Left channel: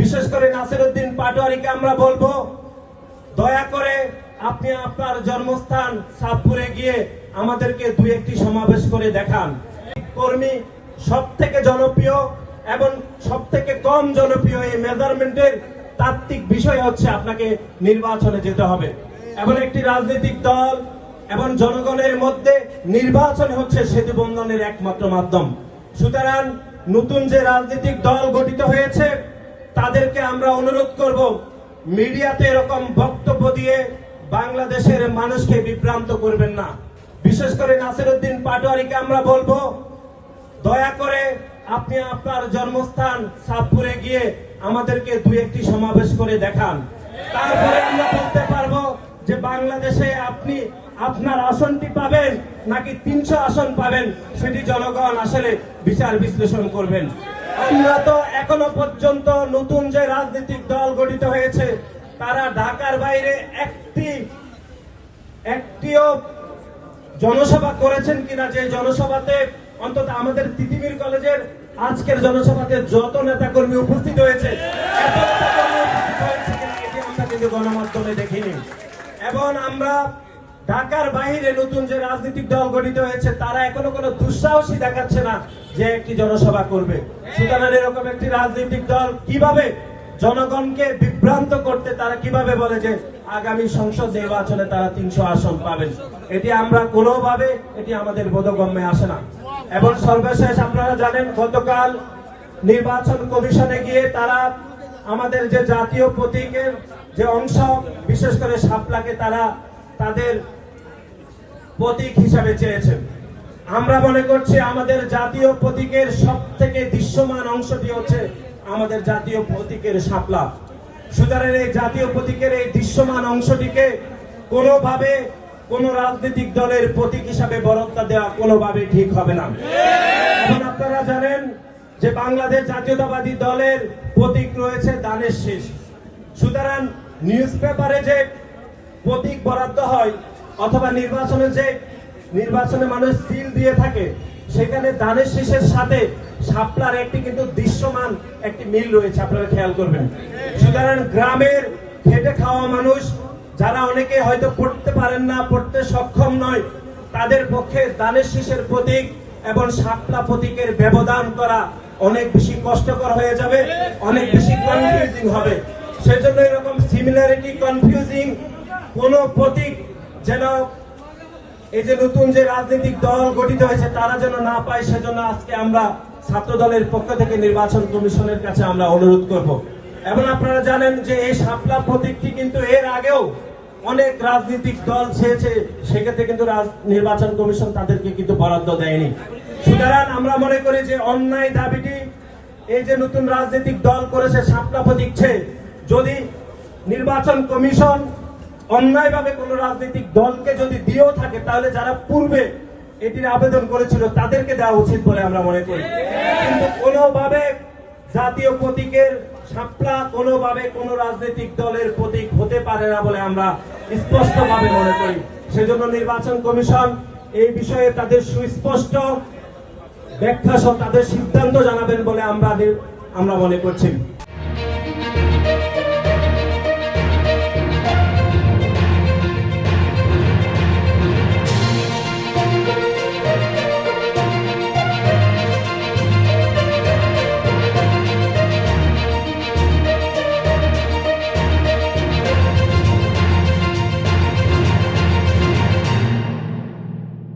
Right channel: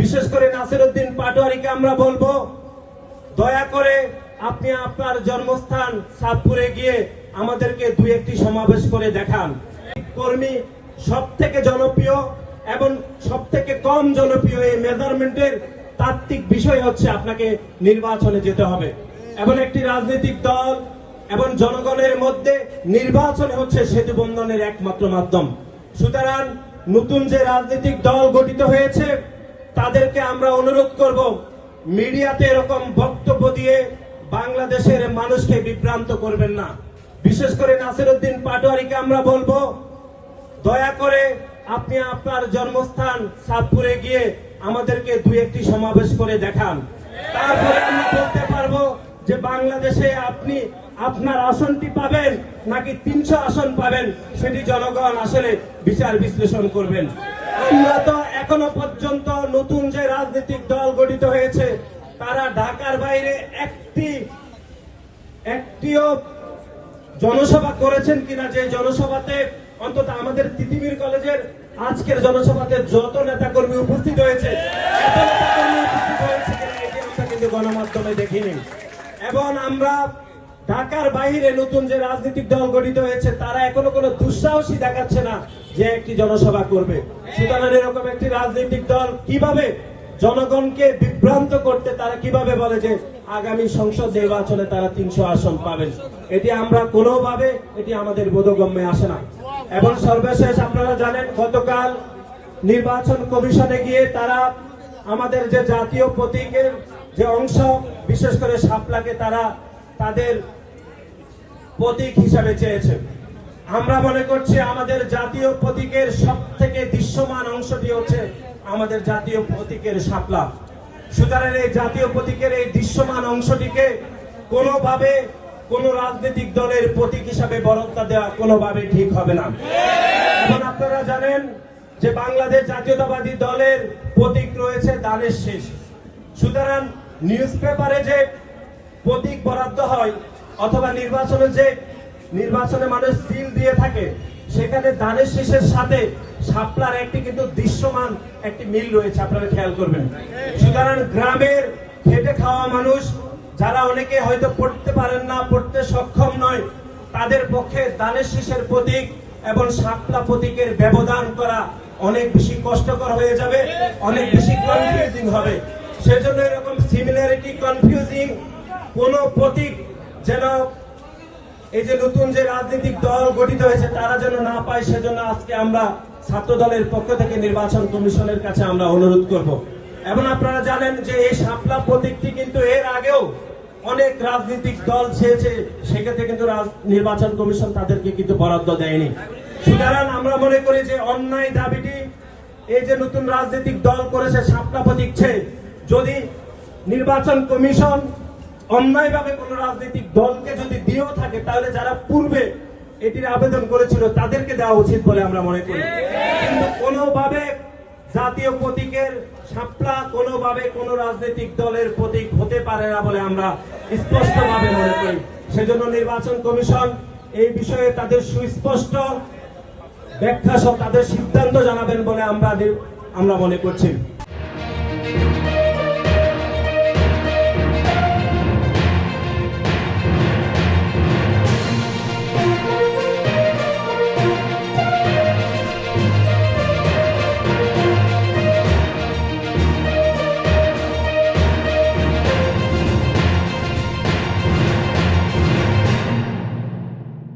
বিশেষ করে নাসিরউদ্দিন পাটোয়ারিকে আমরা বলবো, দয়া করে আপনি আপনার জন্মস্থান সাতপুরে গিয়ে আমাদেরকে দুই একটি সমাবেশ করে দেখান। কর্মী সব থেকে জনপ্রিয় এবং সব থেকে কম জনপ্রিয় এই মেজারমেন্টের তাত্ত্বিক বিষয় হচ্ছে আপনাকে নির্বাচনে যেতে হবে এবং একটি রাজনৈতিক দল এবং জনগণের মধ্যে নির্বাচন হচ্ছে সেতু বন্ধনের একমাত্র মাধ্যম। সুতরাং নতুন যে রাজনৈতিক দল গঠিত হয়েছে তাদেরকে আমরা অনুরোধ করব, মিডিয়াতে এরকম বক্তব্য দিয়ে বাংলাদেশের মানুষকে বিভ্রান্ত করবেন না। বিশেষ করে নাসিরউদ্দিন পাটোয়ারিকে আমরা বলবো, দয়া করে আপনি আপনার জন্মস্থান সাতপুরে গিয়ে আমাদেরকে দুই একটি সমাবেশ করে দেখান। তারপরে আমরা বলতে পারবো যে বাংলাদেশে আপনি আপনার আসনটি পাবেন নাকি 300 আসন পাবেন, সেটি জনগণ আসলে বিচার বিশ্লেষণ করবেন। আমরা তো এখনো পর্যন্ত নতুন যে রাজনৈতিক দল গঠিত হয়েছে তারা ঢাকার বাইরে একটিও জনসভা করেছেন কিনা, যে জনসভাতে অন্তত আমাদের তিতিমির কলেজের আজকের জনসভাতে যত নেতাকর্মী উপস্থিত হয়েছে আমরা কিন্তু গণমাধ্যমে দেখিনি। এবং আমরা ঢাকার বাইরে নতুন যে রাজনৈতিক দল গঠিত হয়েছে তারা এখনো কোনো দুঃসাহসী দেখাচ্ছে না যে একটি জনসভা করবে। সুতরাং এরকম একটি রাজনৈতিক দল কিভাবে জনগণকে বিভ্রান্ত করতে, তারা কিভাবে বলে যে আগামী সংসদ নির্বাচনে তারা 300 আসন পাবেন, এটি আমরা কোনোভাবে এটি আমাদের বোধগম্যে আসে না। এবং সর্বশেষ আপনারা জানেন গতকাল নির্বাচন কমিশনে গিয়ে তারা আমাদের যে জাতীয় প্রতীকের যে অংশ বিশেষ করে শাপলাকে তারা তাদের প্রতীক হিসাবে চেয়েছেন। আমরা মনে করছি আমাদের জাতীয় প্রতীকের সব থেকে দৃশ্যমান অংশটি হচ্ছে আমাদের জাতীয় প্রতীকের শাপলা। সুতরাং এই জাতীয় প্রতীকের এই দৃশ্যমান অংশটিকে কোনোভাবে কোন রাজনৈতিক দলের প্রতীক হিসাবে বরাদ্দ দেওয়া কোনোভাবে ঠিক হবে না। এখন আপনারা জানেন যে বাংলাদেশ জাতীয়তাবাদী দলের প্রতীক রয়েছে ধানের শীষ। সুতরাং নিউজ পেপারে যে প্রতীক বরাদ্দ হয় অথবা নির্বাচনে মানুষ সিল দিয়ে থাকে, সেখানে ধানের শীষের সাথে শাপলার একটি কিন্তু দৃশ্যমান একটি মিল রয়েছে, আপনারা খেয়াল করবেন। সুতরাং গ্রামের খেটে খাওয়া মানুষ যারা অনেকে হয়তো পড়তে পারেন না, পড়তে সক্ষম নয়, তাদের পক্ষে ধানের শীষের প্রতীক এবং শাপলা প্রতীকের ব্যবধান করা অনেক বেশি কষ্টকর হয়ে যাবে, অনেক বেশি কনফিউজিং হবে। সেজন্য এরকম সিমিলারিটি কনফিউজিং কোন প্রতীক যেন এই যে নতুন যে রাজনৈতিক দল গঠিত হয়েছে তারা যেন না পায়, সেজন্য আজকে আমরা ছাত্র দলের পক্ষ থেকে নির্বাচন কমিশনের কাছে আমরা অনুরোধ করব। এবং আপনারা জানেন যে এই শাপলা প্রতীকটি কিন্তু এর আগেও অনেক রাজনৈতিক দল চেয়েছে, সেক্ষেত্রে কিন্তু নির্বাচন কমিশন তাদেরকে কিন্তু বরাদ্দ দেয়নি। সুতরাং আমরা মনে করি যে অন্যায় দাবিটি এই যে নতুন রাজনৈতিক দল করেছে শাপলা প্রতীক চেয়ে, যদি নির্বাচন কমিশন অন্যায়ভাবে কোন রাজনৈতিক দলকে যদি দিয়েও থাকে তাহলে যারা পূর্বে এটির আবেদন করেছিল তাদেরকে দেওয়া উচিত বলে আমরা মনে করি। কিন্তু কোনোভাবে জাতীয় প্রতীকের শাপলা কোনোভাবে কোন রাজনৈতিক দলের প্রতীক হতে পারে না বলে আমরা স্পষ্টভাবে মনে করি। সেজন্য নির্বাচন কমিশন এই বিষয়ে তাদের সুস্পষ্ট ব্যাখ্যা সহ তাদের সিদ্ধান্ত জানাবেন বলে আমরা মনে করছি।